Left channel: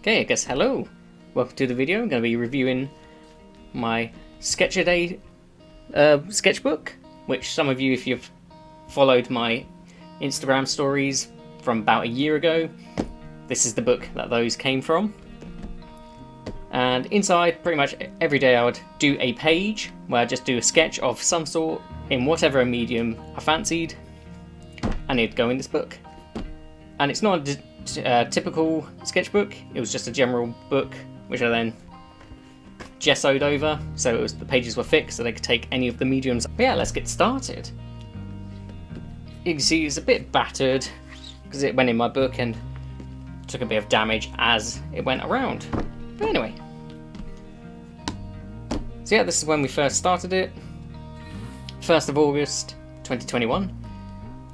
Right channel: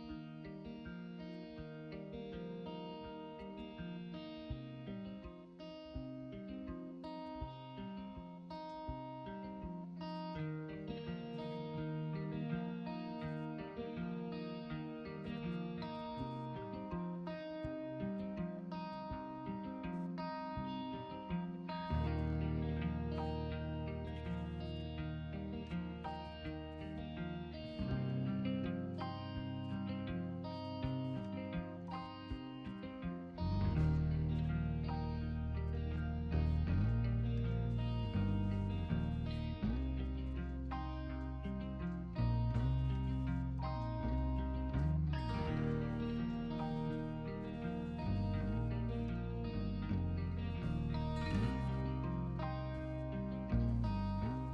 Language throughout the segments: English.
Okay, I guess hello. Welcome to the video. I'm going to be reviewing my Sketch-A-Day sketchbook, which some of you, if you've followed my Instagram stories from about a year ago, this is the book that those came from. And inside, pretty much every day I would do a page where I just do a sketch of some sort in whatever medium I fancied, and it'd go in this book. And it's not a typical sketchbook, it was just a general book which I then gessoed over, so the pages were fixed so they could take any of the mediums. But yeah, let's get started. You can see it's a bit battered because it went in my book and took a bit of damage as it went around. But anyway, so yeah, this is when we first started it, 1st of August 2021.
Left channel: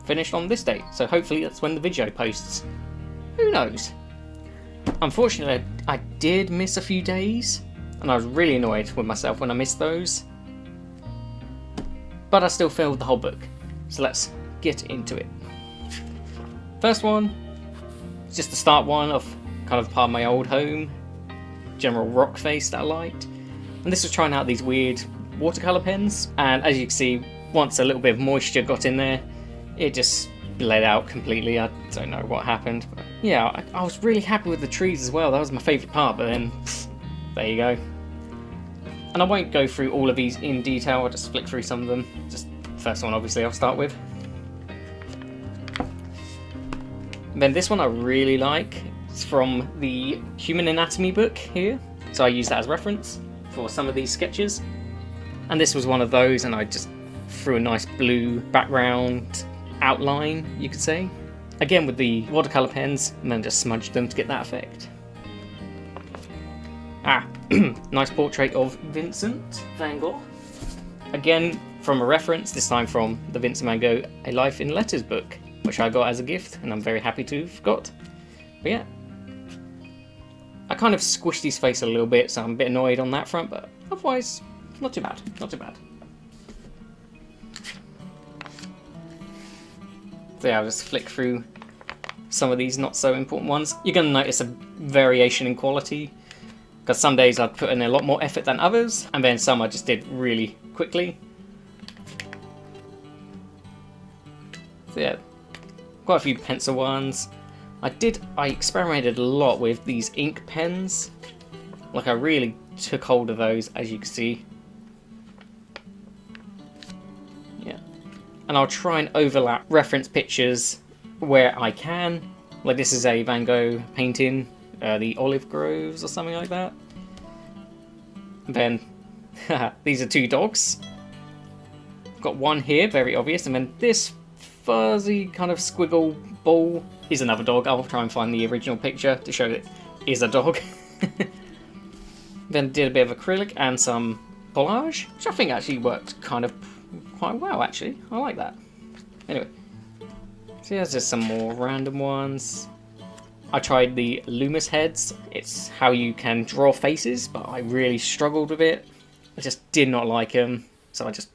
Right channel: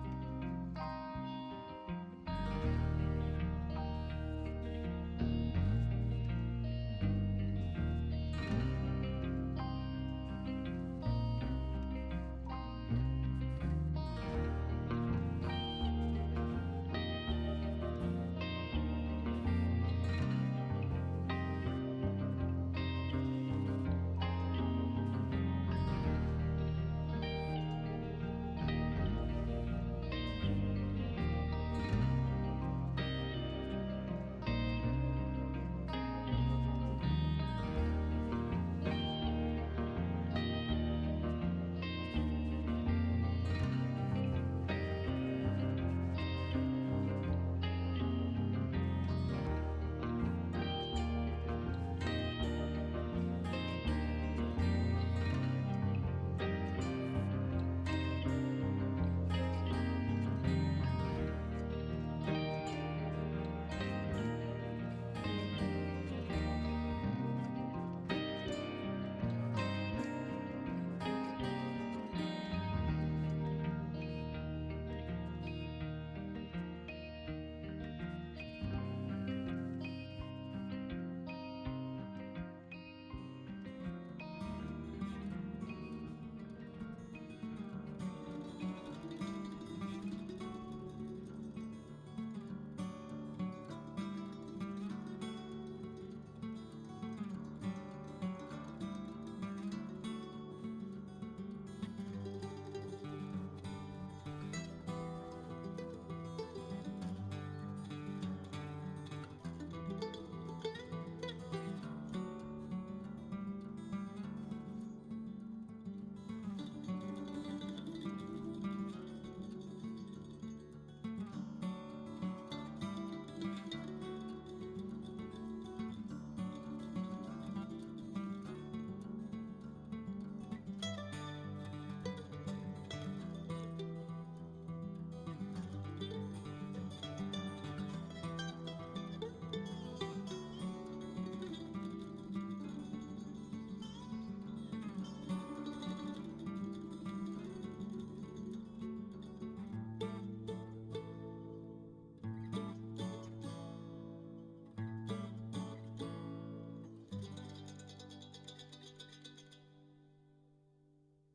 Finished on this date, so hopefully that's when the video posts. Who knows? Unfortunately, I did miss a few days, and I was really annoyed with myself when I missed those. But I still filled the whole book, so let's get into it. First one, just the start one of kind of part of my old home, general rock face that I liked. And this was trying out these weird watercolour pens, and as you can see, once a little bit of moisture got in there, it just bled out completely. I don't know what happened. But yeah, I was really happy with the trees as well. That was my favourite part, but then there you go. And I won't go through all of these in detail, I'll just flick through some of them. Just the first one, obviously, I'll start with. And then this one I really like. It's from the Human Anatomy book here, so I use that as reference for some of these sketches. And this was one of those, and I just threw a nice blue background outline, you could say. Again with the watercolour pens, and then just smudged them to get that effect. Nice portrait of Vincent van Gogh. Again from a reference, this time from the Vincent van Gogh A Life in Letters book, which I got as a gift, and I'm very happy to have got. But yeah, I kind of squished his face a little bit, so I'm a bit annoyed on that front, but otherwise, not too bad, not too bad. So yeah, I'll just flick through some of these not so important ones. You're going to notice a variation in quality, because some days I'd put in a lot more effort than others, and then some I just did really quickly. So yeah, quite a few pencil ones. I experimented a lot with these ink pens. Like I really took hold of those, as you can see. And I'll try and overlap reference pictures where I can. Like this is a Van Gogh painting, the Olive Groves or something like that. And then, these are two dogs. Got one here, very obvious, and then this fuzzy kind of squiggle ball is another dog. I'll try and find the original picture to show it is a dog. Then did a bit of acrylic and some collage, which I think actually worked kind of quite well, actually. I like that. Anyway, so here's just some more random ones. I tried the Loomis heads. It's how you can draw faces, but I really struggled with it. I just did not like them, so I just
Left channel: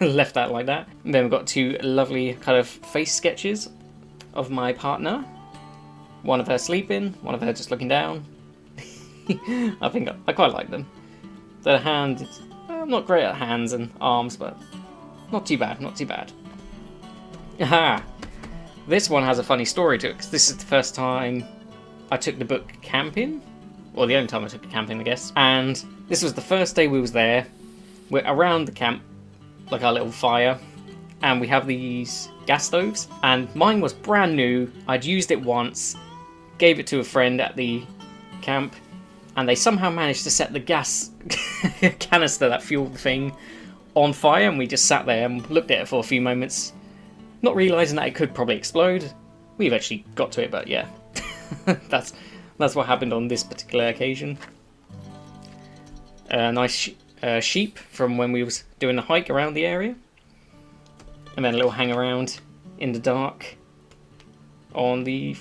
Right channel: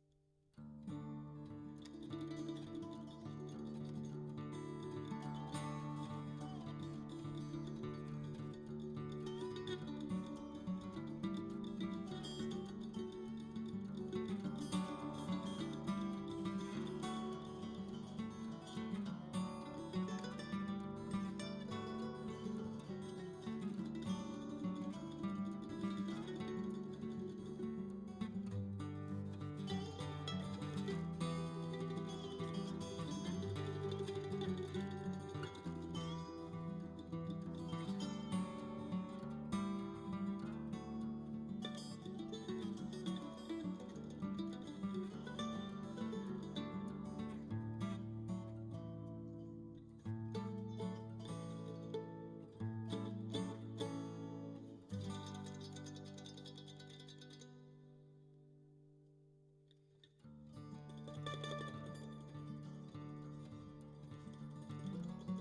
left that like that. And then we've got two lovely kind of face sketches of my partner. One of her sleeping, one of her just looking down. I think I quite like them. The hand, I'm not great at hands and arms, but not too bad, not too bad. Aha! This one has a funny story to it, because this is the first time I took the book camping. Or the only time I took it camping, I guess. And this was the first day we was there. We're around the camp, like our little fire. And we have these gas stoves. And mine was brand new. I'd used it once. Gave it to a friend at the camp. And they somehow managed to set the gas canister that fueled the thing on fire, and we just sat there and looked at it for a few moments, not realising that it could probably explode. We eventually got to it, but yeah, that's what happened on this particular occasion. A nice sheep from when we was doing a hike around the area, and then a little hang around in the dark on the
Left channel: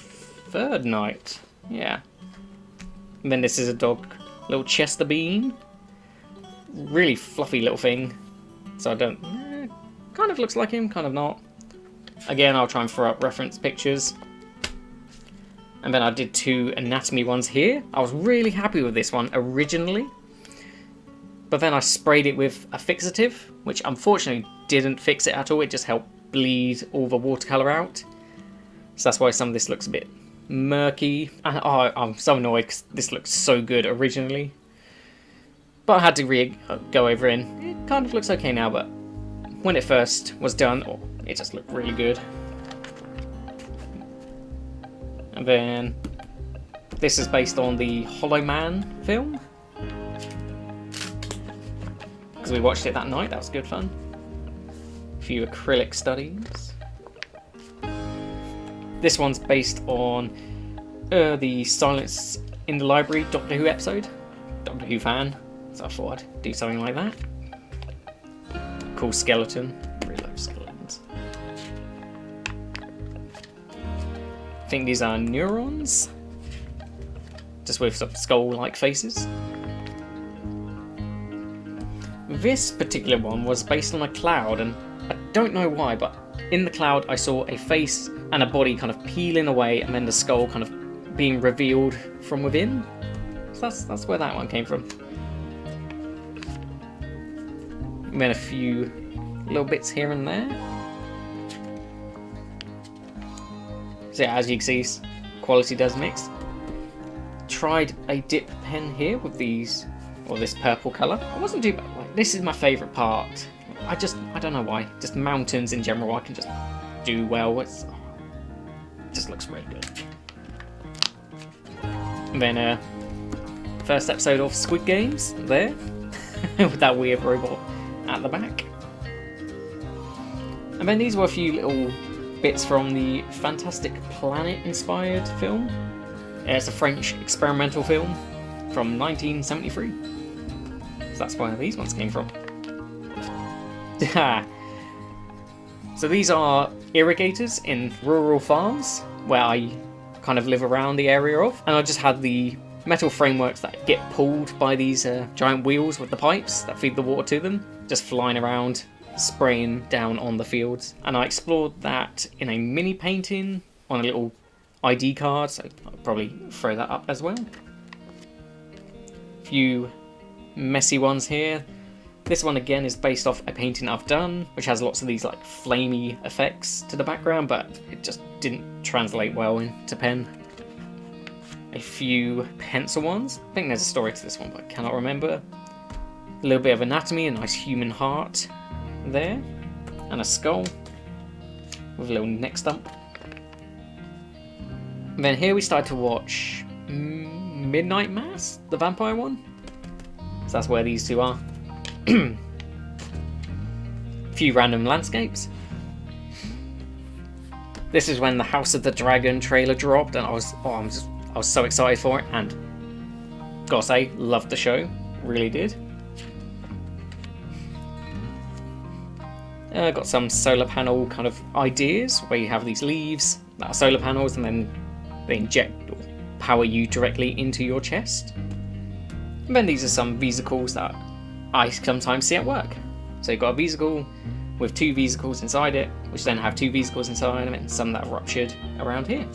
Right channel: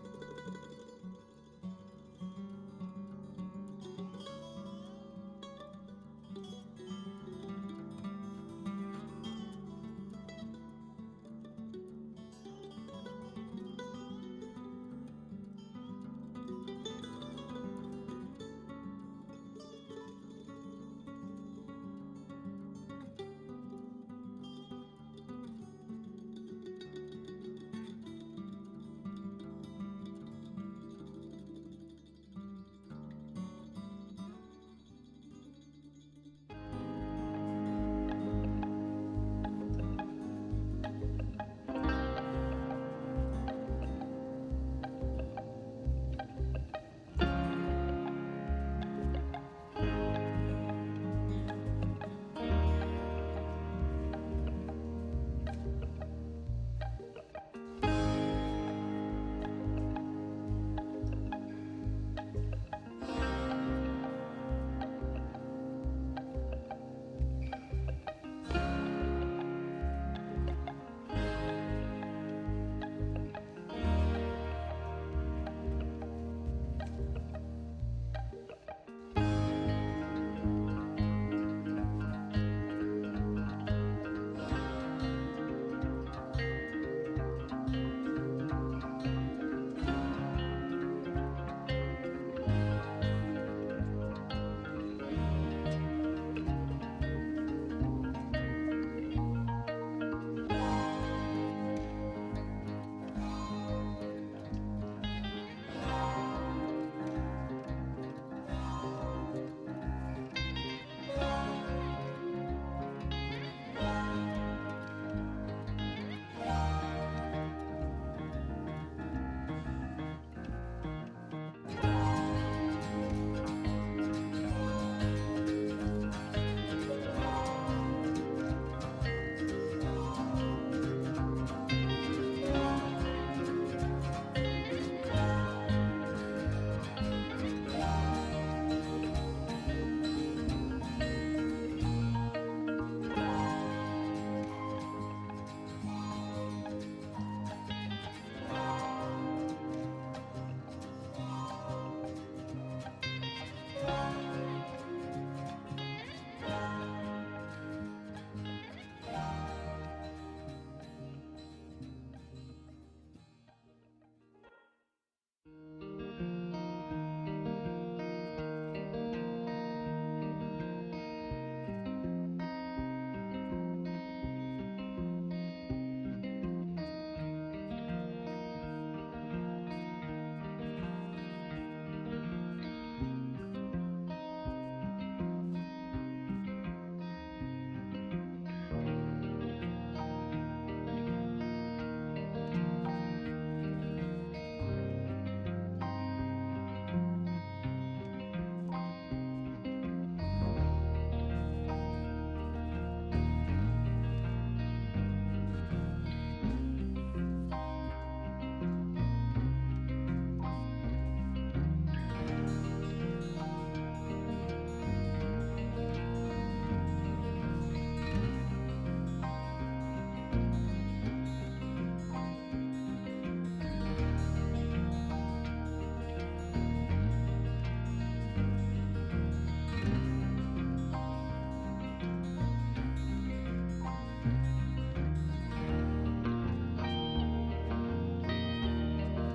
third night. Yeah, and then this is a dog, little Chester Bean, really fluffy little thing. So I don't, kind of looks like him, kind of not. Again, I'll try and throw up reference pictures. And then I did 2 anatomy ones here. I was really happy with this one originally. But then I sprayed it with a fixative, which unfortunately didn't fix it at all. It just helped bleed all the watercolour out. So that's why some of this looks a bit murky. And oh, I'm so annoyed because this looks so good originally. But I had to go over it, and it kind of looks okay now, but when it first was done, it just looked really good. And then this is based on the Hollow Man film. Because we watched it that night, that was good fun. A few acrylic studies. This one's based on the Silence in the Library Doctor Who episode. Doctor Who fan, so I thought I'd do something like that. Cool skeleton. Really love skeletons. I think these are neurons, just with some skull-like faces. This particular one was based on a cloud, and I don't know why, but in the cloud I saw a face and a body kind of peeling away, and then the skull kind of being revealed from within. So that's where that one came from. And then a few little bits here and there. So yeah, as you can see, quality does mix. Tried a dip pen here with these, or this purple colour. It wasn't too bad. This is my favourite part. I don't know why. Just mountains in general, I can just do well with. It just looks really good. And then first episode of Squid Games there, with that weird robot at the back. And then these were a few little bits from the Fantastic Planet inspired film. It's a French experimental film from 1973. So that's where these ones came from. So these are irrigators in rural farms where I kind of live around the area of, and I just had the metal frameworks that get pulled by these giant wheels with the pipes that feed the water to them, just flying around, spraying down on the fields. And I explored that in a mini painting on a little ID card, so I'll probably throw that up as well. A few messy ones here. This one again is based off a painting I've done, which has lots of these like flamey effects to the background, but it just didn't translate well into pen. A few pencil ones. I think there's a story to this one, but I cannot remember. A little bit of anatomy, a nice human heart there, and a skull with a little neck stump. And then here we started to watch Midnight Mass, the vampire one. So that's where these two are. A few random landscapes. This is when the House of the Dragon trailer dropped, and I was so excited for it, and gotta say, loved the show, really did. Got some solar panel kind of ideas where you have these leaves that are solar panels, and then they inject or power you directly into your chest. And then these are some vesicles that I sometimes see at work. So you've got a vesicle with 2 vesicles inside it, which then have 2 vesicles inside of it, and some that are ruptured around here.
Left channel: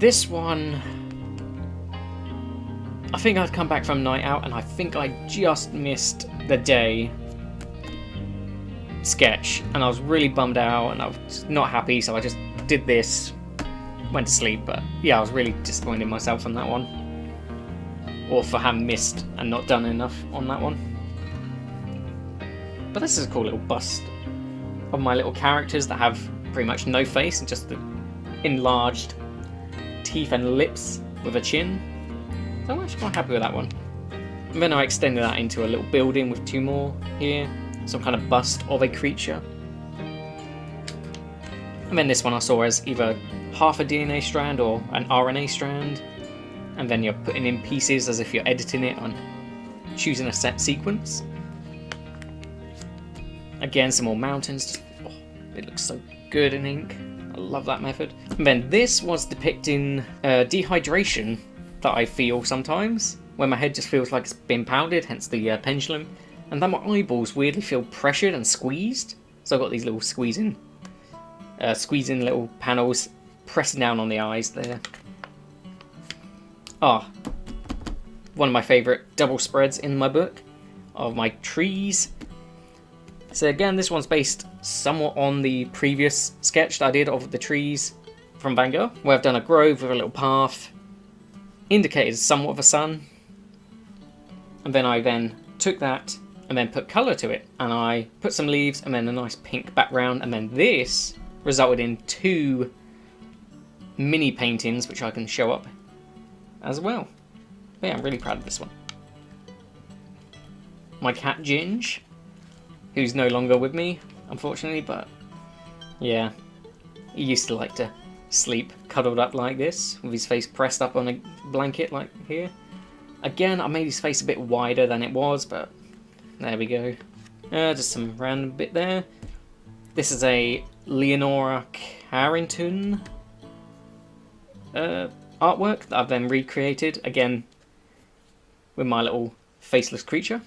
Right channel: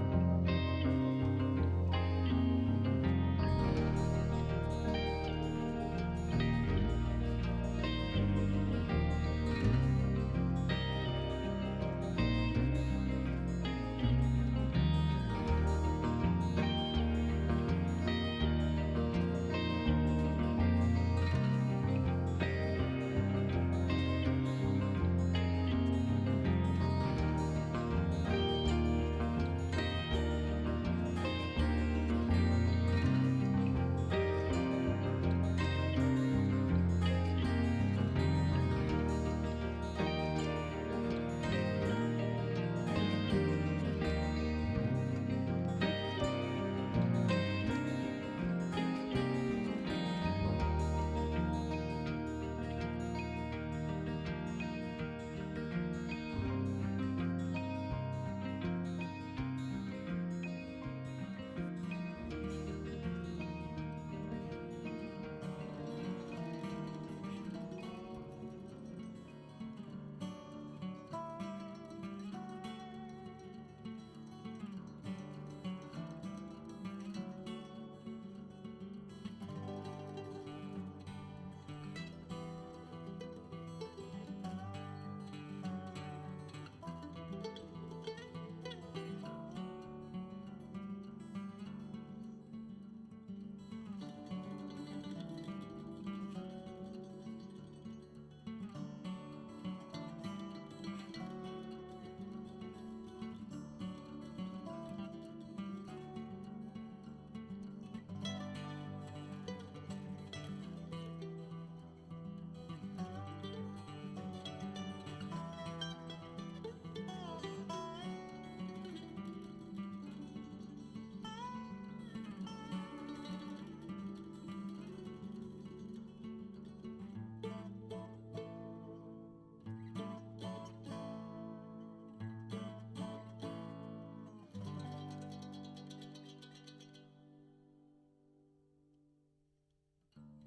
This one, I think I'd come back from night out, and I think I just missed the day sketch, and I was really bummed out, and I was not happy, so I just did this, went to sleep. But yeah, I was really disappointed in myself on that one, or for having missed and not done enough on that one. But this is a cool little bust of my little characters that have pretty much no face and just the enlarged teeth and lips with a chin. So I'm actually quite happy with that one. And then I extended that into a little building with 2 more here, some kind of bust of a creature. And then this one I saw as either half a DNA strand or an RNA strand, and then you're putting in pieces as if you're editing it and choosing a set sequence. Again, some more mountains. Oh, it looks so good in ink. I love that method. And then this was depicting dehydration that I feel sometimes, where my head just feels like it's been pounded, hence the pendulum, and then my eyeballs weirdly feel pressured and squeezed. So I've got these little squeezing squeezing little panels, pressing down on the eyes there. Ah, one of my favourite double spreads in my book of my trees. So again, this one's based somewhat on the previous sketch that I did of the trees from Van Gogh, where I've done a grove with a little path, indicated somewhat of a sun, and then I took that and then put colour to it, and I put some leaves and then a nice pink background, and then this resulted in 2 mini paintings which I can show up as well. But yeah, I'm really proud of this one. My cat Ginge, who's no longer with me, unfortunately, but yeah, he used to like to sleep cuddled up like this, with his face pressed up on a blanket like here. Again, I made his face a bit wider than it was, but there we go. Just some random bit there. This is a Leonora Carrington artwork that I've then recreated, again, with my little faceless creature.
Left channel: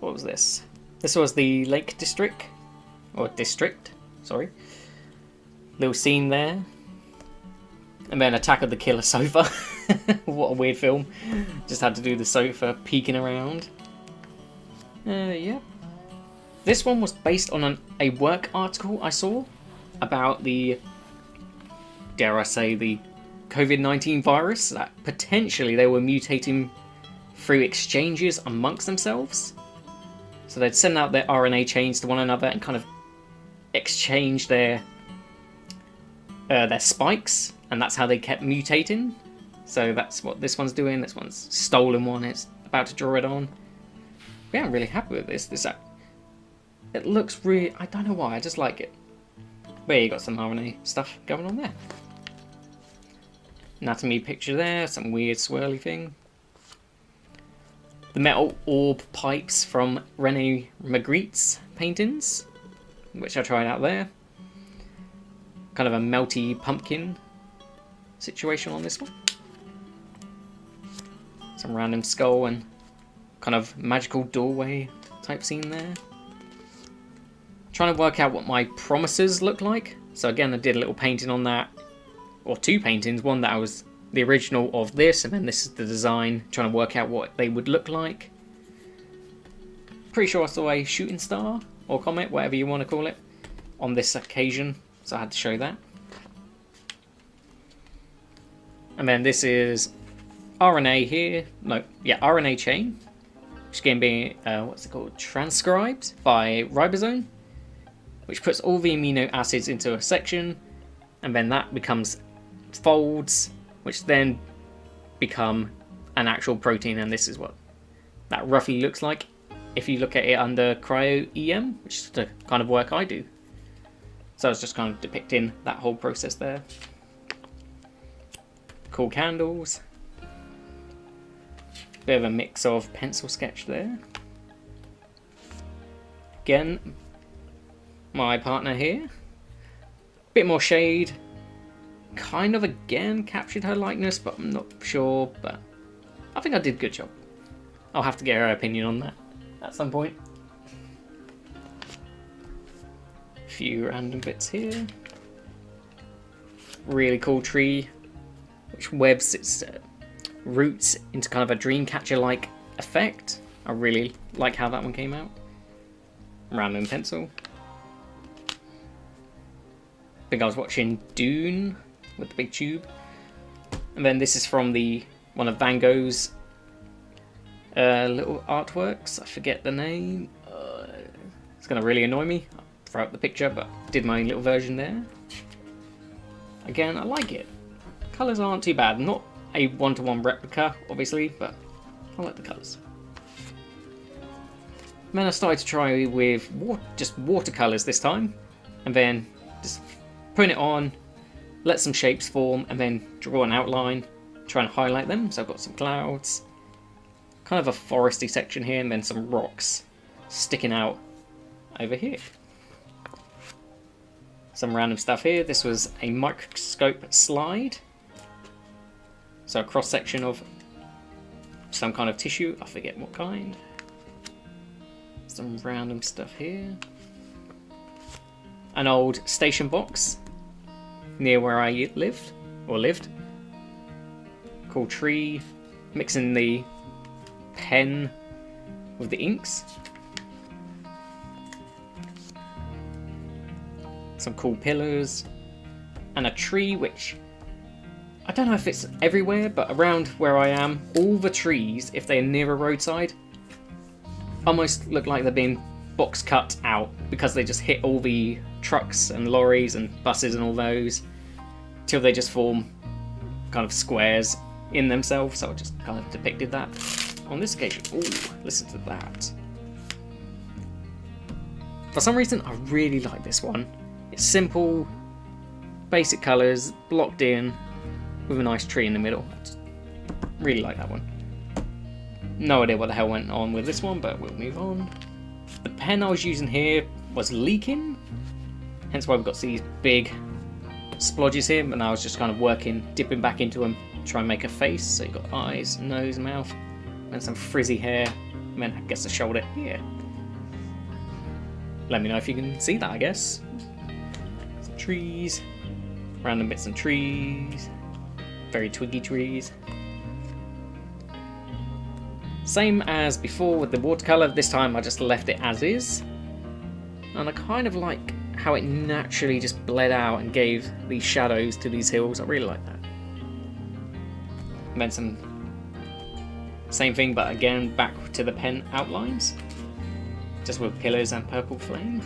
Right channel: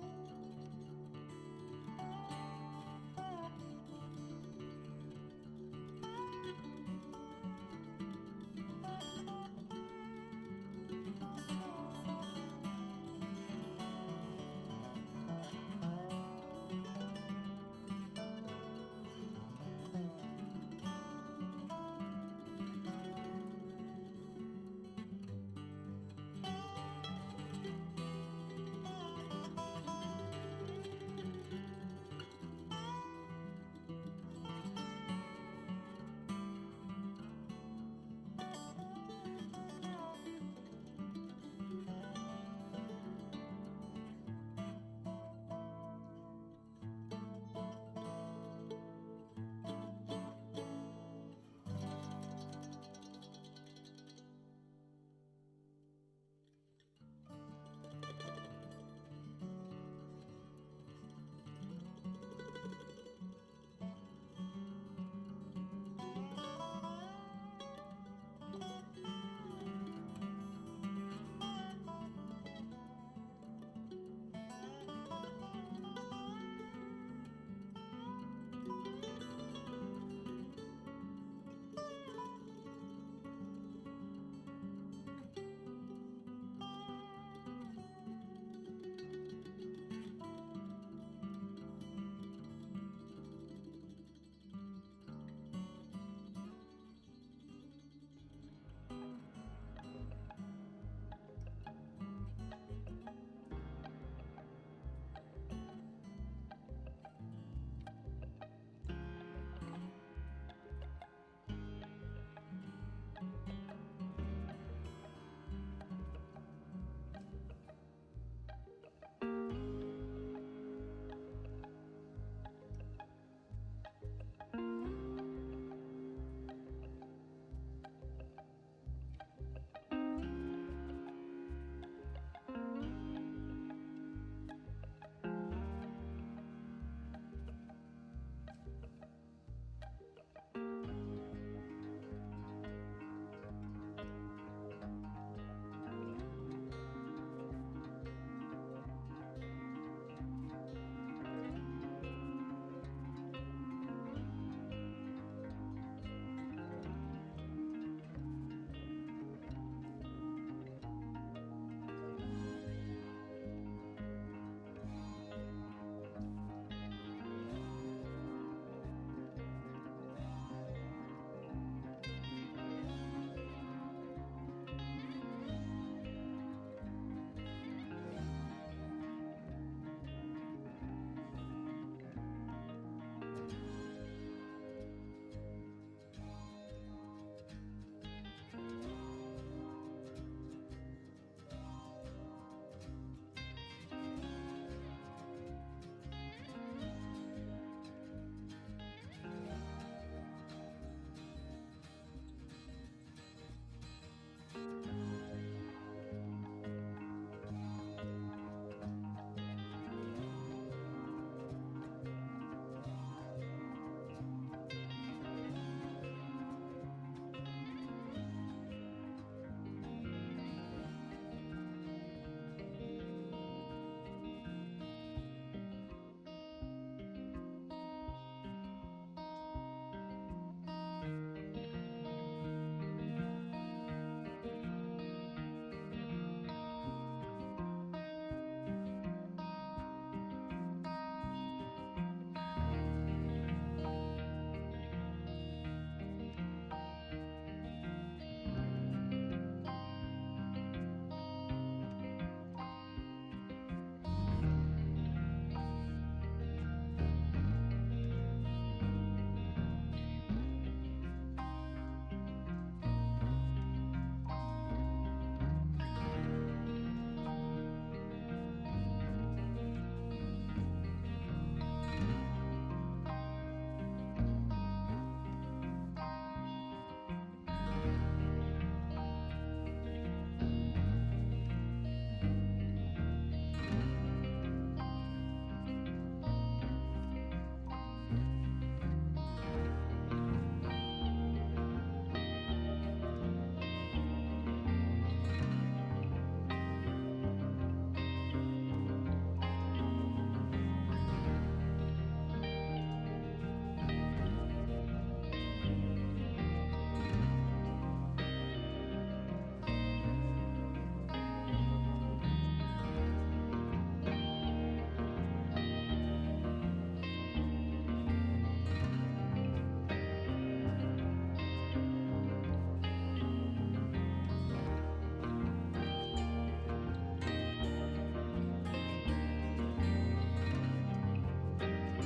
What was this? This was the Lake District, or District, sorry. Little scene there. And then Attack of the Killer Sofa. What a weird film. Just had to do the sofa peeking around. Yeah. This one was based on a work article I saw about the, dare I say, the COVID-19 virus, that potentially they were mutating through exchanges amongst themselves. So they'd send out their RNA chains to one another and kind of exchange their spikes, and that's how they kept mutating. So that's what this one's doing. This one's stolen one. It's about to draw it on. But yeah, I'm really happy with this. It looks really... I don't know why. I just like it. But yeah, you got some RNA stuff going on there. Anatomy picture there. Some weird swirly thing. The metal orb pipes from Rene Magritte's paintings, which I tried out there. Kind of a melty pumpkin situation on this one. Some random skull and kind of magical doorway type scene there. Trying to work out what my promises look like. So again, I did a little painting on that, or 2 paintings. One that was the original of this, and then this is the design. Trying to work out what they would look like. Pretty sure I saw a shooting star or comet, whatever you want to call it, on this occasion. So I had to show that. And then this is RNA here. No, yeah, RNA chain. Which can be, what's it called? Transcribed by ribosome. Which puts all the amino acids into a section. And then that becomes folds, which then become an actual protein. And this is what that roughly looks like if you look at it under cryo-EM, which is the kind of work I do. So I was just kind of depicting that whole process there. Cool candles. Bit of a mix of pencil sketch there. Again, my partner here. Bit more shade. Kind of again captured her likeness, but I'm not sure. But I think I did a good job. I'll have to get her opinion on that at some point. Few random bits here. Really cool tree, which webs its roots into kind of a dreamcatcher-like effect. I really like how that one came out. Random pencil. I think I was watching Dune with the big tube. And then this is from one of Van Gogh's little artworks. I forget the name. It's going to really annoy me. I'll throw up the picture, but did my own little version there. Again, I like it. Colours aren't too bad. Not a one-to-one replica, obviously, but I like the colours. And then I started to try with just watercolours this time, and then just putting it on, let some shapes form, and then draw an outline, try and highlight them. So I've got some clouds, kind of a foresty section here, and then some rocks sticking out over here. Some random stuff here. This was a microscope slide. So a cross section of some kind of tissue, I forget what kind. Some random stuff here. an old station box near where I lived. Cool tree, mixing the pen with the inks. Some cool pillars, and a tree which, I don't know if it's everywhere, but around where I am, all the trees, if they're near a roadside, almost look like they're being box cut out because they just hit all the trucks and lorries and buses and all those till they just form kind of squares in themselves. So I just kind of depicted that on this occasion. Ooh, listen to that. For some reason, I really like this one. It's simple, basic colours, blocked in, with a nice tree in the middle. Just really like that one. No idea what the hell went on with this one, but we'll move on. The pen I was using here was leaking, hence why we've got these big splodges here, and I was just kind of dipping back into them, try and make a face. So you've got eyes, nose, mouth, and some frizzy hair, and then I guess a shoulder here. Let me know if you can see that, I guess. Some trees, random bits of trees, very twiggy trees. Same as before with the watercolour, this time I just left it as is. And I kind of like how it naturally just bled out and gave these shadows to these hills. I really like that. And then some same thing, but again back to the pen outlines, just with pillars and purple flame.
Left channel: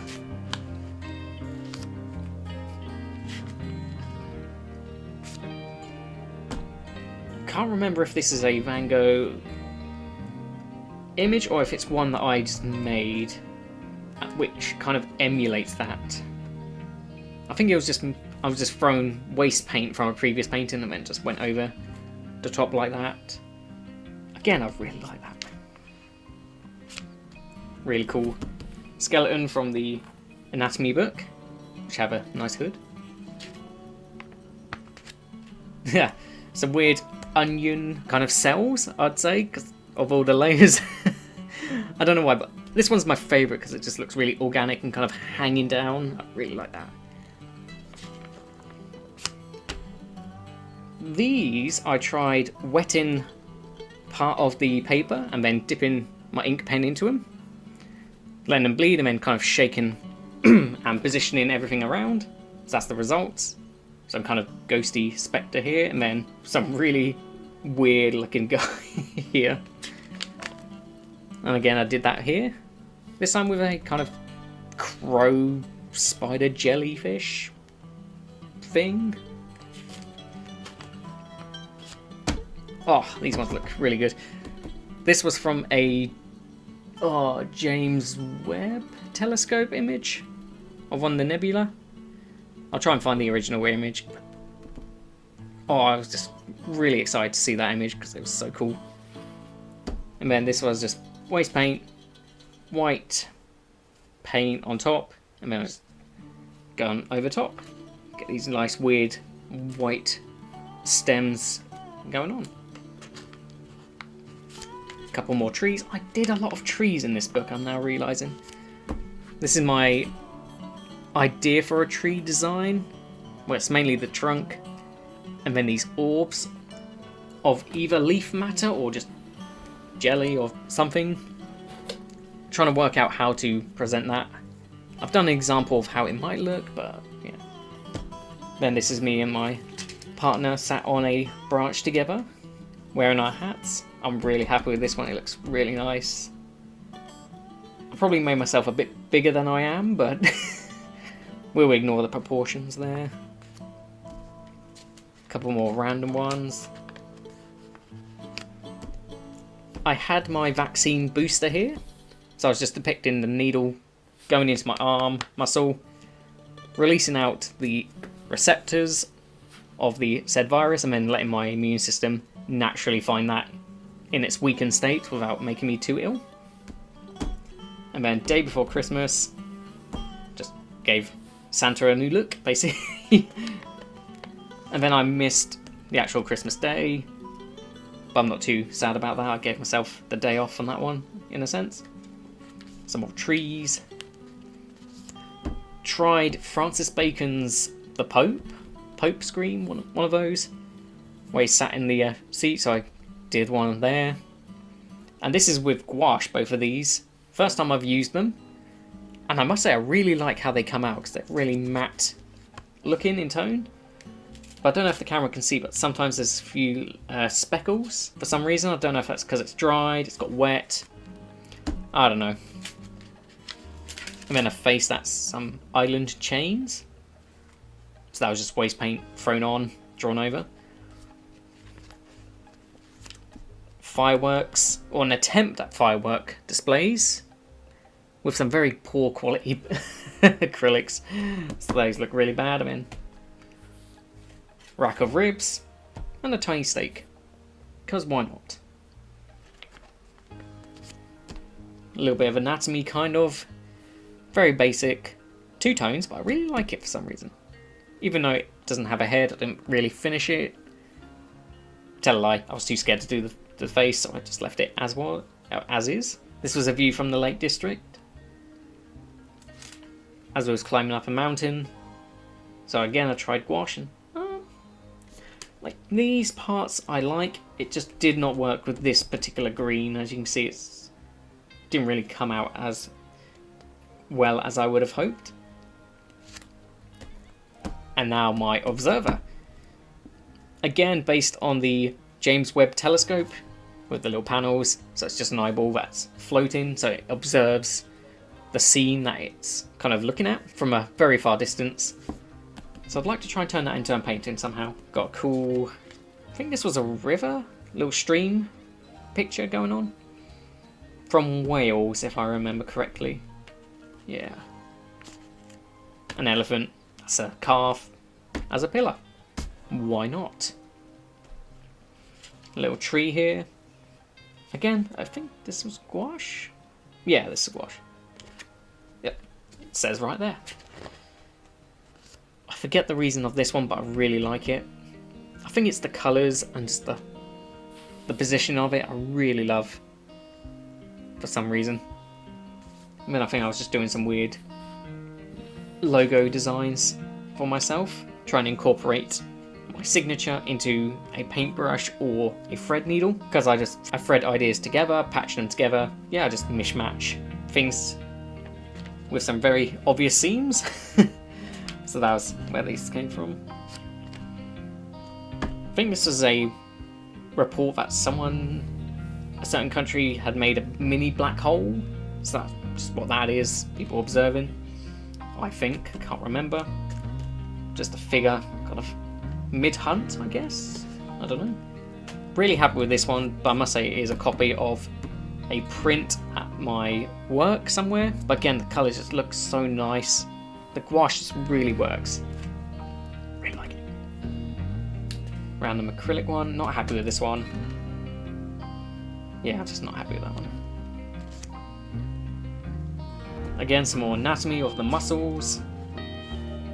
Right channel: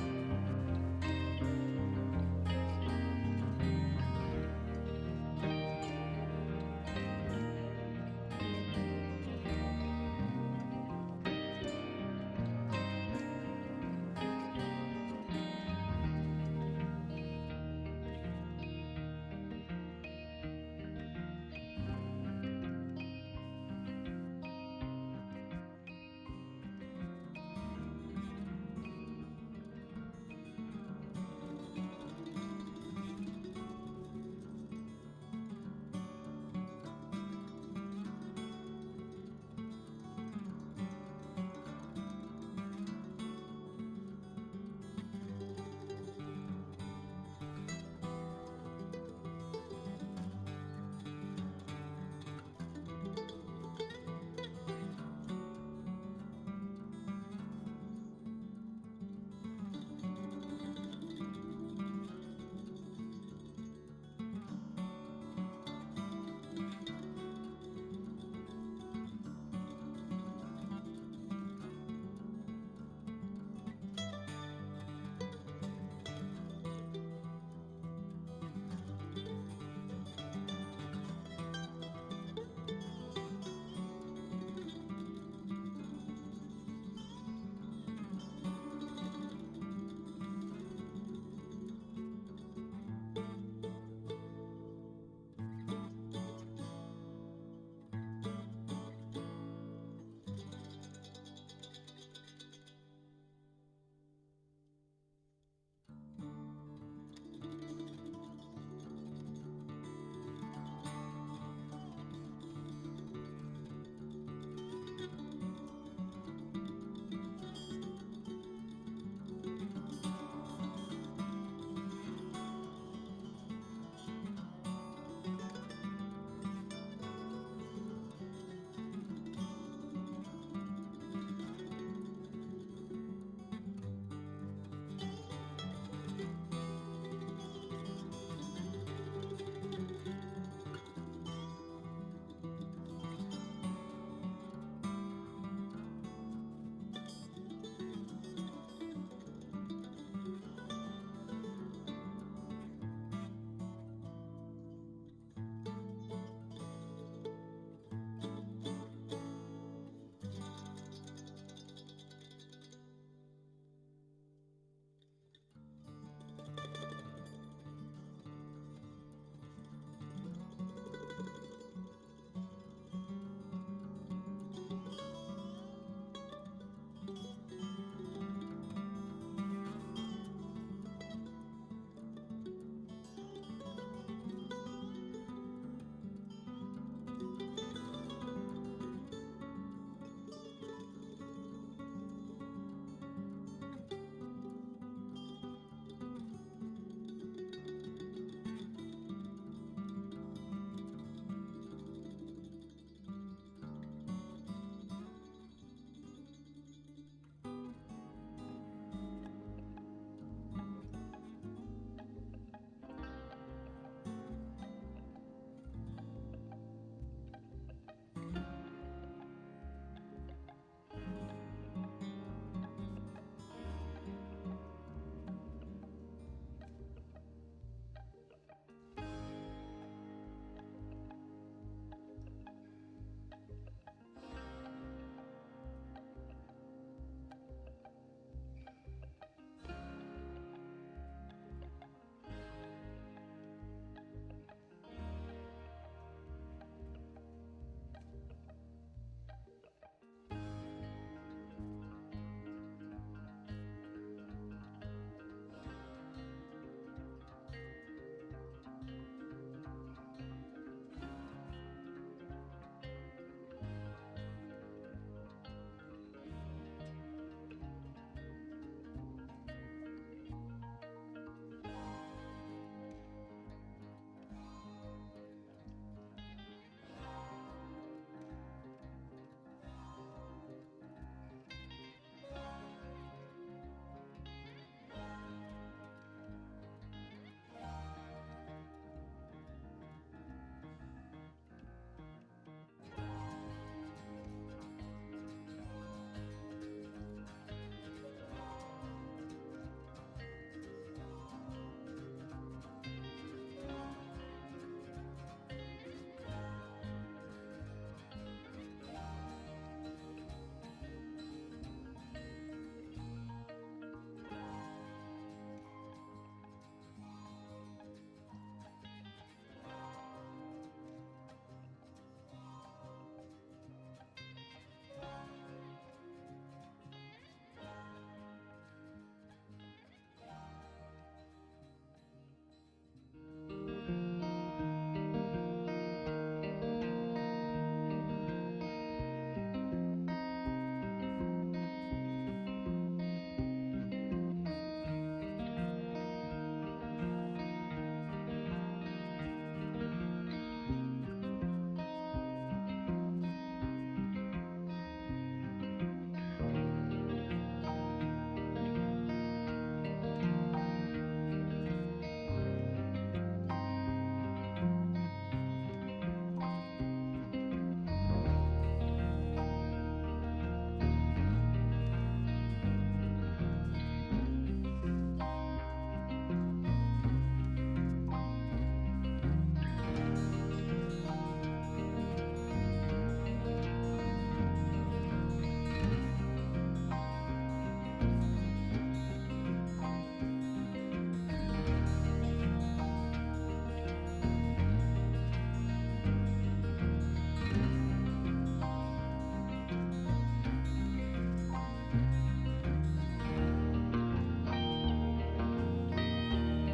Can't remember if this is a Van Gogh image or if it's one that I just made, which kind of emulates that. I think I was just throwing waste paint from a previous painting and then just went over the top like that. Again, I really like that. Really cool skeleton from the anatomy book, which have a nice hood. Yeah, some weird onion kind of cells, I'd say, because of all the layers. I don't know why, but this one's my favourite because it just looks really organic and kind of hanging down. I really like that. These I tried wetting part of the paper and then dipping my ink pen into them, letting them bleed and then kind of shaking and positioning everything around. So that's the results. Some kind of ghosty spectre here, and then some really weird looking guy here. And again, I did that here. This time with a kind of crow spider jellyfish thing. Oh, these ones look really good. This was from a James Webb telescope image of one of the nebula. I'll try and find the original image. Oh, I was just really excited to see that image because it was so cool. And then this was just waste paint, white paint on top, and then it's gone over top. Get these nice weird white stems going on. A couple more trees. I did a lot of trees in this book, I'm now realising. This is my idea for a tree design, where it's mainly the trunk and then these orbs of either leaf matter or just jelly or something. I'm trying to work out how to present that. I've done an example of how it might look, but yeah. Then this is me and my partner sat on a branch together, wearing our hats. I'm really happy with this one, it looks really nice. I probably made myself a bit bigger than I am, but we'll ignore the proportions there. A couple more random ones. I had my vaccine booster here, so I was just depicting the needle going into my arm muscle, releasing out the receptors of the said virus, and then letting my immune system naturally find that in its weakened state without making me too ill. And then day before Christmas, just gave Santa a new look, basically. And then I missed the actual Christmas day, but I'm not too sad about that. I gave myself the day off on that one, in a sense. Some more trees. tried Francis Bacon's The Pope Scream, one of those, where he sat in the seat, so I did one there. And this is with gouache, both of these. First time I've used them, and I must say I really like how they come out, because they're really matte looking in tone. But I don't know if the camera can see, but sometimes there's a few speckles for some reason. I don't know if that's because it's dried, it's got wet, I don't know. And then a face, that's some island chains. So that was just waste paint thrown on, drawn over. Fireworks, or an attempt at firework displays with some very poor quality acrylics. So those look really bad. I mean, rack of ribs and a tiny steak, because why not? A little bit of anatomy, kind of. Very basic. Two tones, but I really like it for some reason. Even though it doesn't have a head, I didn't really finish it. Tell a lie, I was too scared to do the face, so I just left it as is. This was a view from the Lake District, as I was climbing up a mountain. So again, I tried gouache, and like these parts I like. It just did not work with this particular green. As you can see, it didn't really come out as well as I would have hoped. And now my observer. Again, based on the James Webb Telescope with the little panels. So it's just an eyeball that's floating, so it observes the scene that it's kind of looking at from a very far distance. So I'd like to try and turn that into a painting somehow. Got a cool, I think this was a river, little stream picture going on. From Wales, if I remember correctly. Yeah. An elephant, that's a calf, as a pillar. Why not? A little tree here. Again, I think this was gouache. Yeah, this is gouache. Yep, it says right there. I forget the reason of this one, but I really like it. I think it's the colours and just the position of it I really love for some reason. I mean, I think I was just doing some weird logo designs for myself, trying to incorporate my signature into a paintbrush or a thread needle, because I thread ideas together, patch them together. Yeah, I just mishmatch things with some very obvious seams. So that was where these came from. I think this was a report that a certain country had made a mini black hole. So that's what that is, people observing. I think, I can't remember. Just a figure, kind of mid-hunt, I guess? I don't know. Really happy with this one, but I must say it is a copy of a print at my work somewhere. But again, the colours just look so nice. The gouache just really works. Really like it. Random acrylic one, not happy with this one. Yeah, I'm just not happy with that one. Again, some more anatomy of the muscles.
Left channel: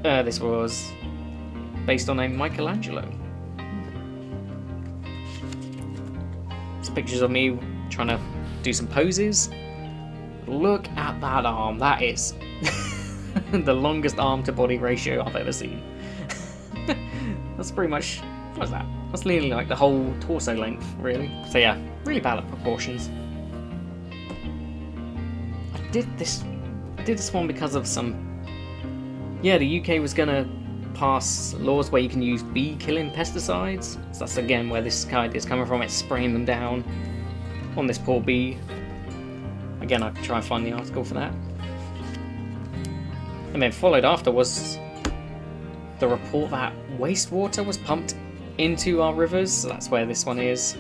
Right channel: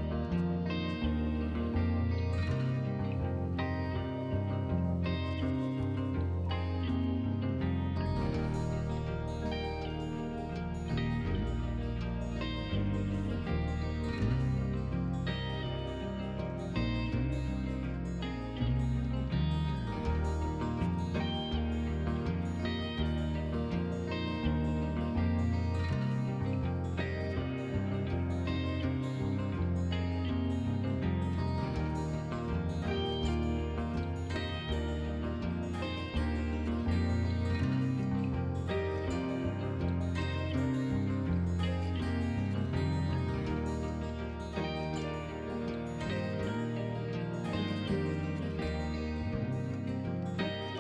This was based on a Michelangelo. Just pictures of me trying to do some poses. Look at that arm. That is the longest arm to body ratio I've ever seen. That's pretty much, what's that? That's nearly like the whole torso length, really. So yeah, really bad at proportions. I did this one because of yeah, the UK was gonna pass laws where you can use bee killing pesticides. So that's again where this kite is coming from. It's spraying them down on this poor bee. Again, I could try and find the article for that. And then followed after was the report that wastewater was pumped into our rivers. So that's where this one is.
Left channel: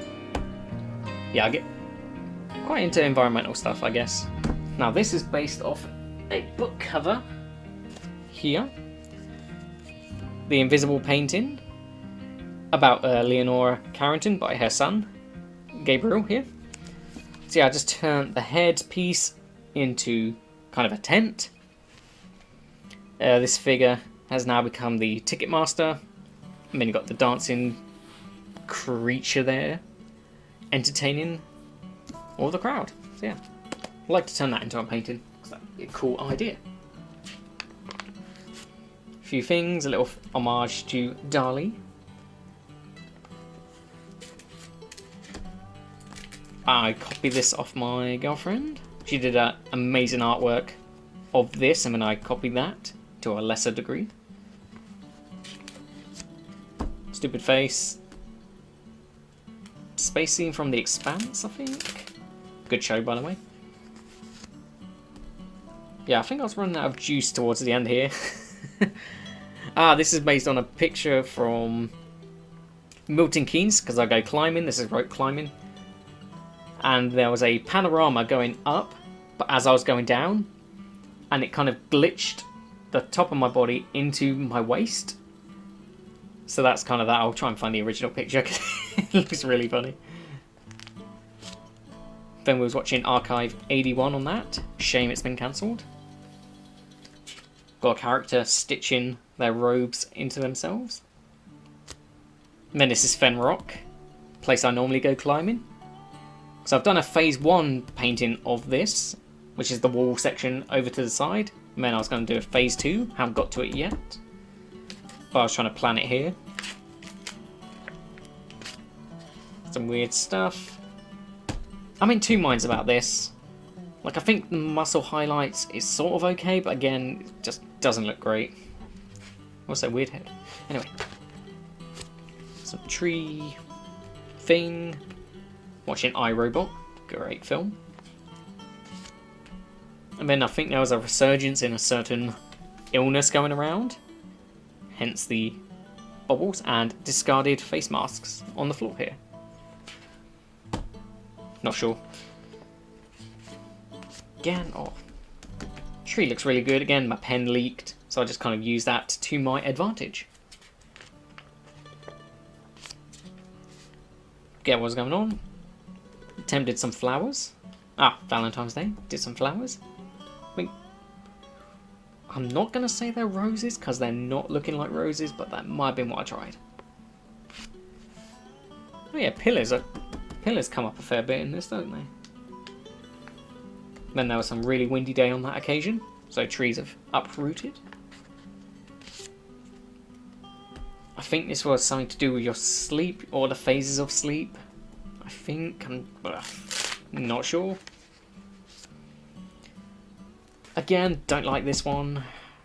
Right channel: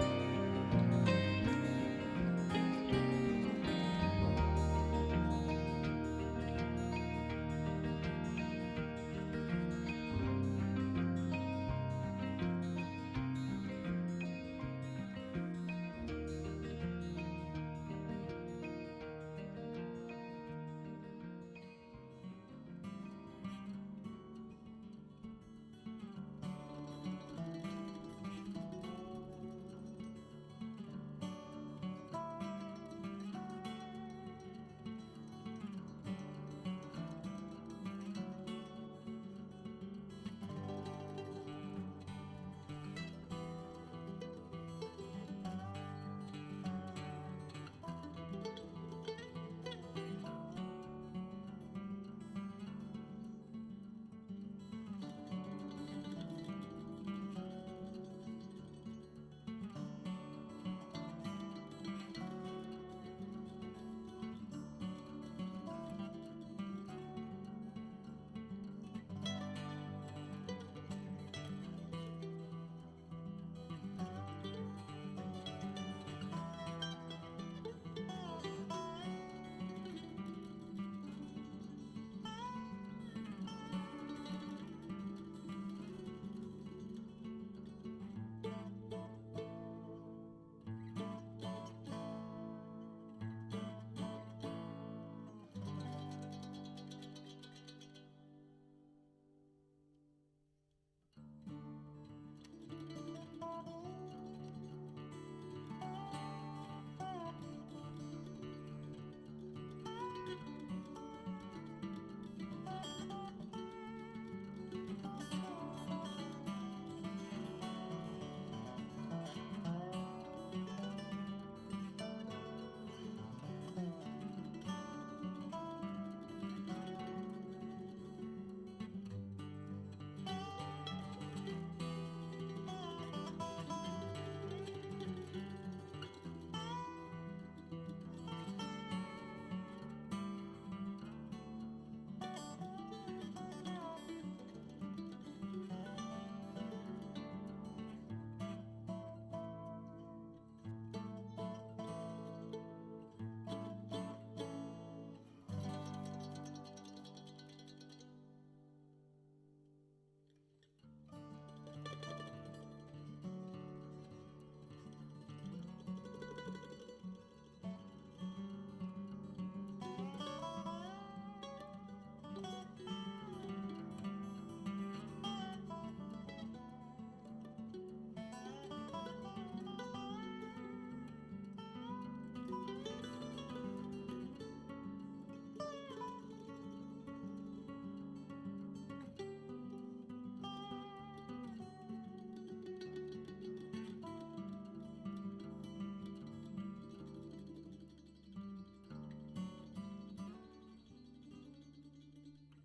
Yeah, I get quite into environmental stuff, I guess. Now this is based off a book cover here. The Invisible Painting, about Leonora Carrington by her son, Gabriel here. So yeah, I just turned the head piece into kind of a tent. This figure has now become the Ticketmaster. And then you've got the dancing creature there, entertaining all the crowd. So yeah, I'd like to turn that into a painting, because that'd be a cool idea. A few things, a little homage to Dali. I copied this off my girlfriend. She did amazing artwork of this, and then I copied that to a lesser degree. Stupid face. Space scene from The Expanse, I think. Good show, by the way. Yeah, I think I was running out of juice towards the end here. This is based on a picture from Milton Keynes, because I go climbing. This is rope climbing. And there was a panorama going up, but as I was going down, and it kind of glitched the top of my body into my waist. So that's kind of that. I'll try and find the original picture because it looks really funny. Then we was watching Archive 81 on that. Shame it's been cancelled. Got a character stitching their robes into themselves. And then this is Fen Rock, place I normally go climbing. So I've done a phase 1 painting of this, which is the wall section over to the side. And then I was going to do a phase 2, haven't got to it yet. But I was trying to plan it here. Some weird stuff. I'm in two minds about this. Like, I think the muscle highlights is sort of okay, but again, it just doesn't look great. What's that weird head? Anyway. Some tree thing. Watching iRobot. Great film. And then I think there was a resurgence in a certain illness going around. Hence the bubbles and discarded face masks on the floor here. Not sure. Again, tree looks really good. Again, my pen leaked, so I just kind of used that to my advantage. Get what's going on. Attempted some flowers. Valentine's Day. Did some flowers. I mean, I'm not going to say they're roses, because they're not looking like roses, but that might have been what I tried. Oh yeah, pillars come up a fair bit in this, don't they? Then there was some really windy day on that occasion, so trees have uprooted. I think this was something to do with your sleep, or the phases of sleep. I think, I'm not sure. Again, don't like this one.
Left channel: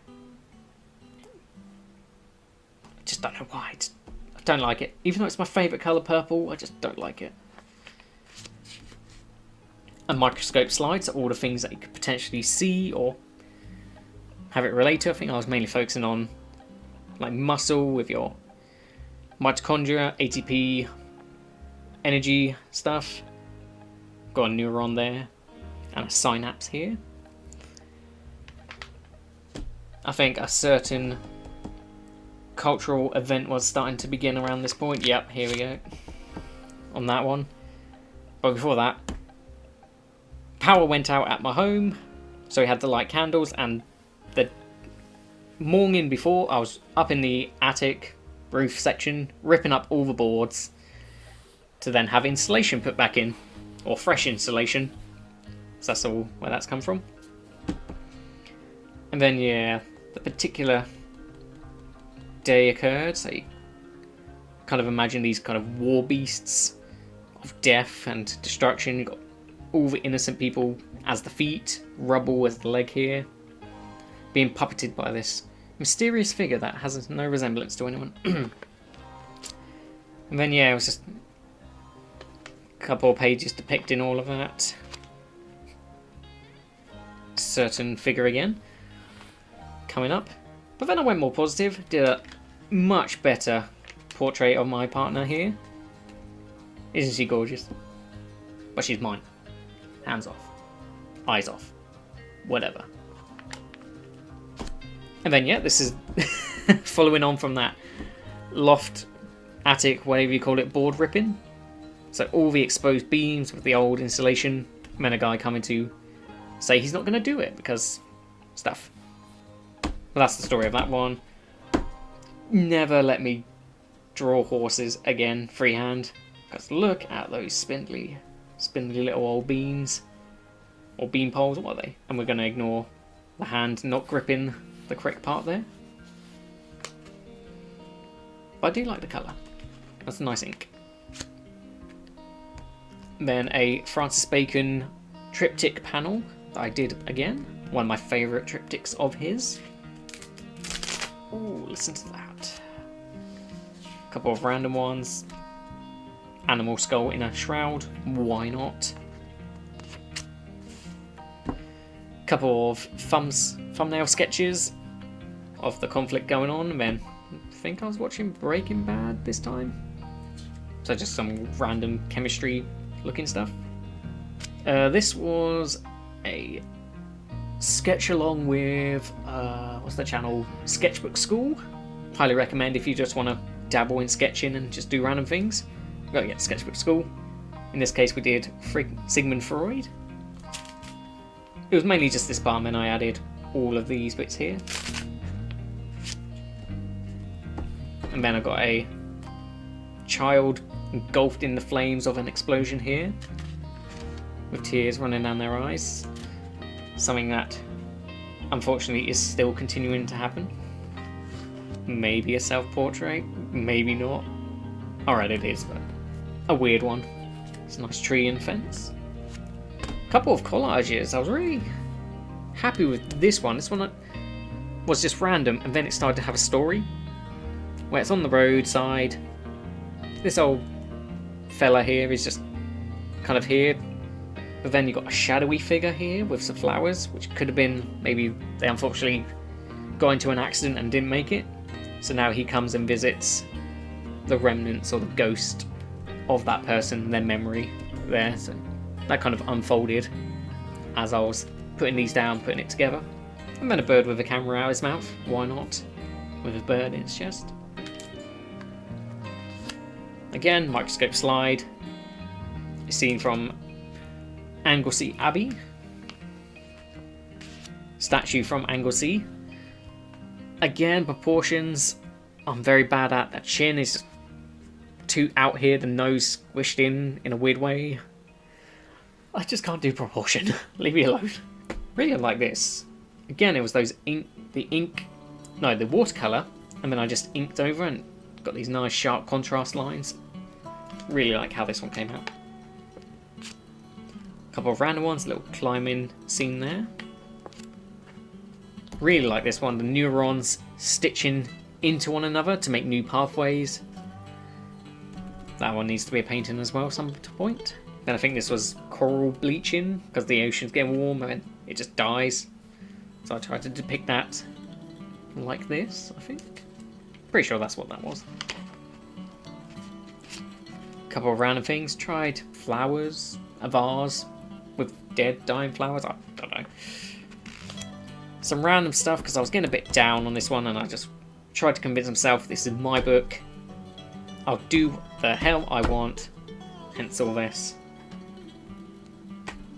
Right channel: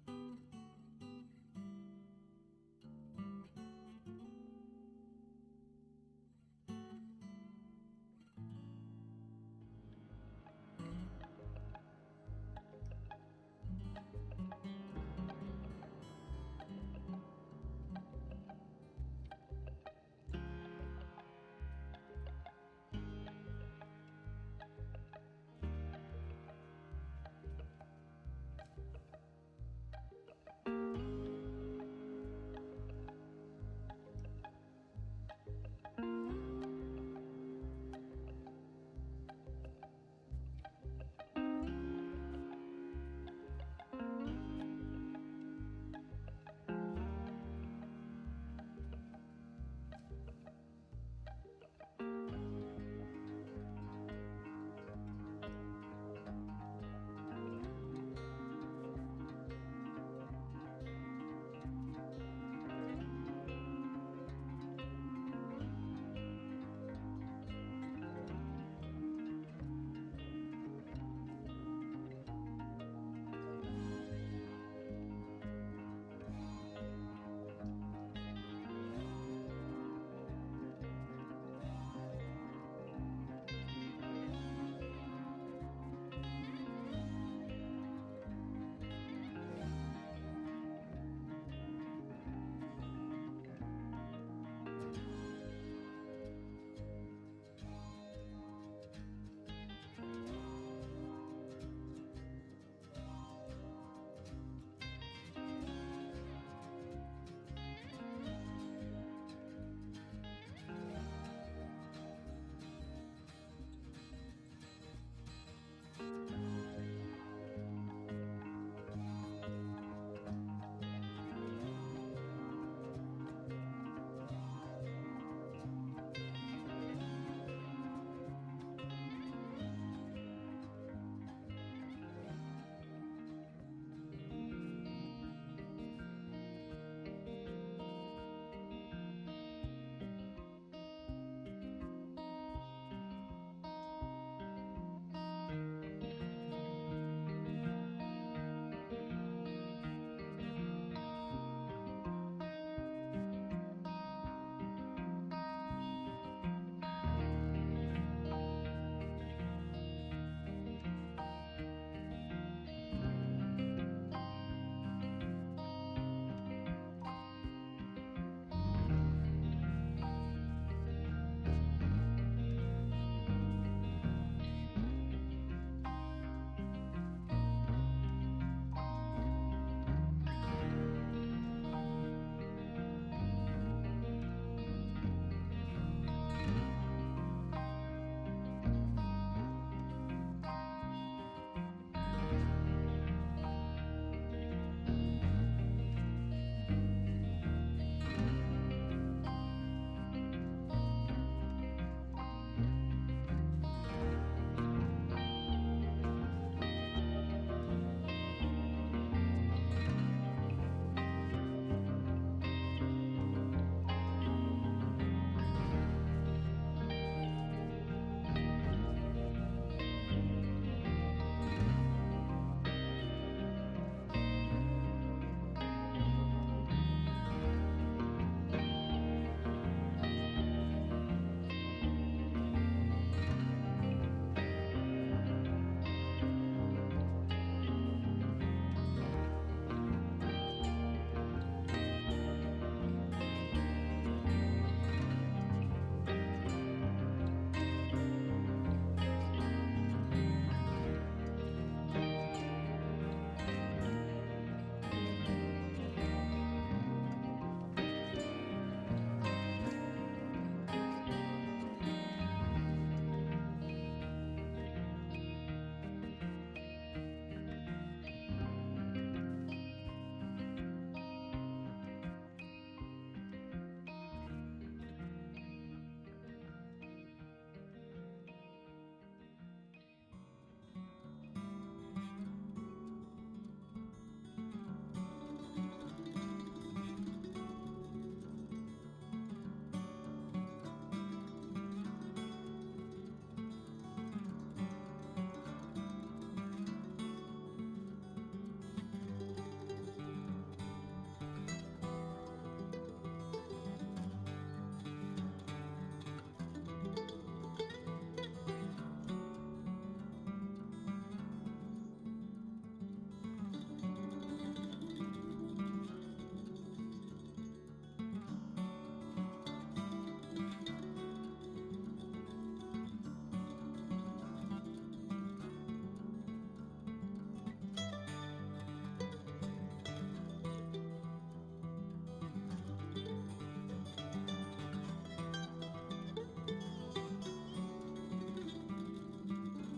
I just don't know why. I don't like it. Even though it's my favourite colour, purple, I just don't like it. A microscope slide, so all the things that you could potentially see or have it relate to. I think I was mainly focusing on like muscle with your mitochondria, ATP, energy stuff. Got a neuron there and a synapse here. I think a certain cultural event was starting to begin around this point. Yep, here we go. On that one. But before that, power went out at my home, so we had to light candles, and the morning before I was up in the attic roof section ripping up all the boards to then have insulation put back in, or fresh insulation. So that's all where that's come from. And then yeah, the particular day occurred, so you kind of imagine these kind of war beasts of death and destruction. You've got all the innocent people as the feet, rubble as the leg here, being puppeted by this mysterious figure that has no resemblance to anyone. And then yeah, it was just a couple of pages depicting all of that. Certain figure again coming up, but then I went more positive, did a much better portrait of my partner here. Isn't she gorgeous? But she's mine. Hands off. Eyes off. Whatever. And then, yeah, this is following on from that loft, attic, whatever you call it, board ripping. So all the exposed beams with the old insulation, and then a guy coming to say he's not going to do it because stuff. But that's the story of that one. Never let me draw horses again freehand, because look at those spindly little old beams, or beam poles, what are they? And we're going to ignore the hand not gripping the correct part there. But I do like the colour. That's a nice ink. Then a Francis Bacon triptych panel that I did again. One of my favourite triptychs of his. Ooh, listen to that. A couple of random ones. Animal skull in a shroud. Why not? A couple of thumbnail sketches of the conflict going on. And then I think I was watching Breaking Bad this time. So just some random chemistry looking stuff. This was a sketch along with what's the channel? Sketchbook School. Highly recommend if you just want to dabble in sketching and just do random things. Go get Sketchbook School. In this case, we did Sigmund Freud. It was mainly just this part, and then I added all of these bits here. And then I got a child engulfed in the flames of an explosion here, with tears running down their eyes. Something that, unfortunately, is still continuing to happen. Maybe a self-portrait, maybe not. Alright, it is, but a weird one. It's a nice tree and fence. A couple of collages. I was really happy with this one. This one was just random, and then it started to have a story. Where it's on the roadside. This old fella here is just kind of here. But then you've got a shadowy figure here with some flowers, which could have been, maybe they unfortunately got into an accident and didn't make it. So now he comes and visits the remnants or the ghost of that person, their memory there. So that kind of unfolded as I was putting these down, putting it together. And then a bird with a camera out his mouth. Why not? With a bird in its chest. Again, microscope slide. A scene from Anglesey Abbey. Statue from Anglesey. Again, proportions. I'm very bad at. That chin is too out here, the nose squished in a weird way. I just can't do proportion. Leave me alone. Really like this. Again, it was those the watercolour, and then I just inked over and got these nice sharp contrast lines. Really like how this one came out. A couple of random ones, a little climbing scene there. Really like this one, the neurons stitching into one another to make new pathways. That one needs to be a painting as well, some point. Then I think this was coral bleaching because the ocean's getting warm and it just dies. So I tried to depict that like this, I think. Pretty sure that's what that was. A couple of random things. Tried flowers, a vase with dead, dying flowers. I don't know. Some random stuff because I was getting a bit down on this one and I just tried to convince myself this is my book. I'll do the hell I want. Hence all this.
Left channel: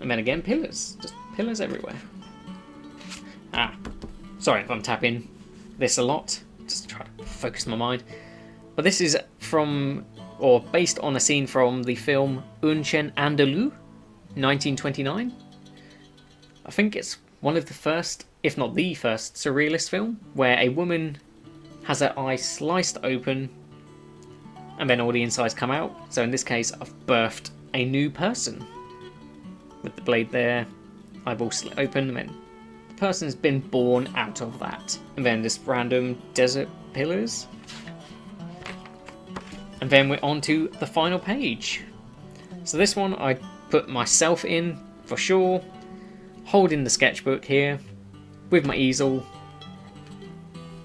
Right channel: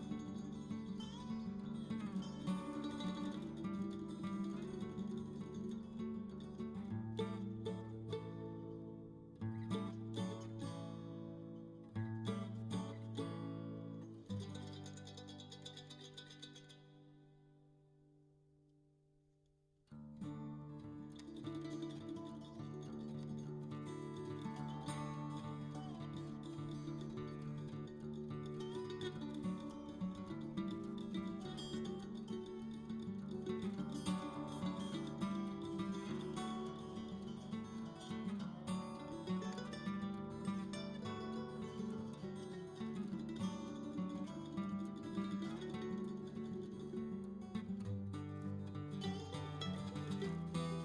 And then again, pillars. Just pillars everywhere. Sorry if I'm tapping this a lot. Just try to focus my mind. But this is from, or based on a scene from the film Un Chien Andalou, 1929. I think it's one of the first, if not the first, surrealist film where a woman has her eye sliced open and then all the insides come out. So in this case, I've birthed a new person. With the blade there, eyeball slit open, and then the person's been born out of that. And then this random desert pillars. And then we're on to the final page. So this one I put myself in, for sure. Holding the sketchbook here, with my easel.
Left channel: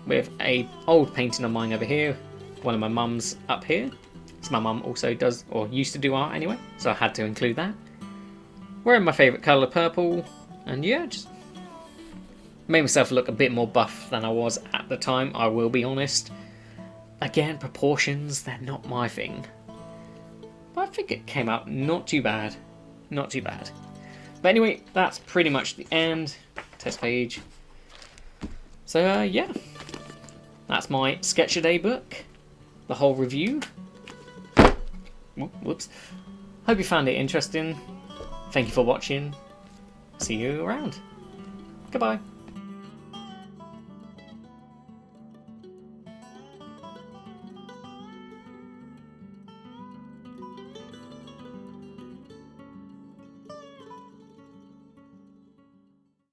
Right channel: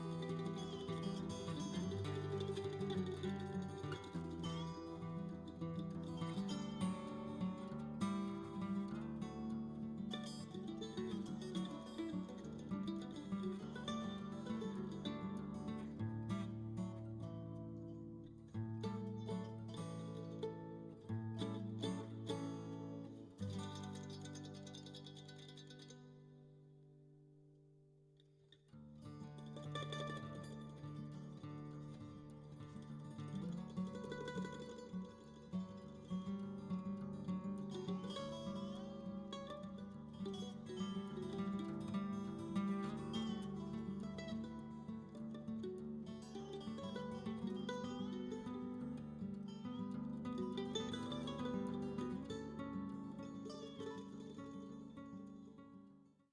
With a old painting of mine over here. One of my mum's up here. So my mum also does, or used to do art anyway. So I had to include that. Wearing my favourite colour, purple. And yeah, just made myself look a bit more buff than I was at the time, I will be honest. Again, proportions, they're not my thing. But I think it came out not too bad. Not too bad. But anyway, that's pretty much the end. Test page. So yeah. That's my Sketch A Day book. The whole review. Whoops. Hope you found it interesting. Thank you for watching. See you around. Goodbye.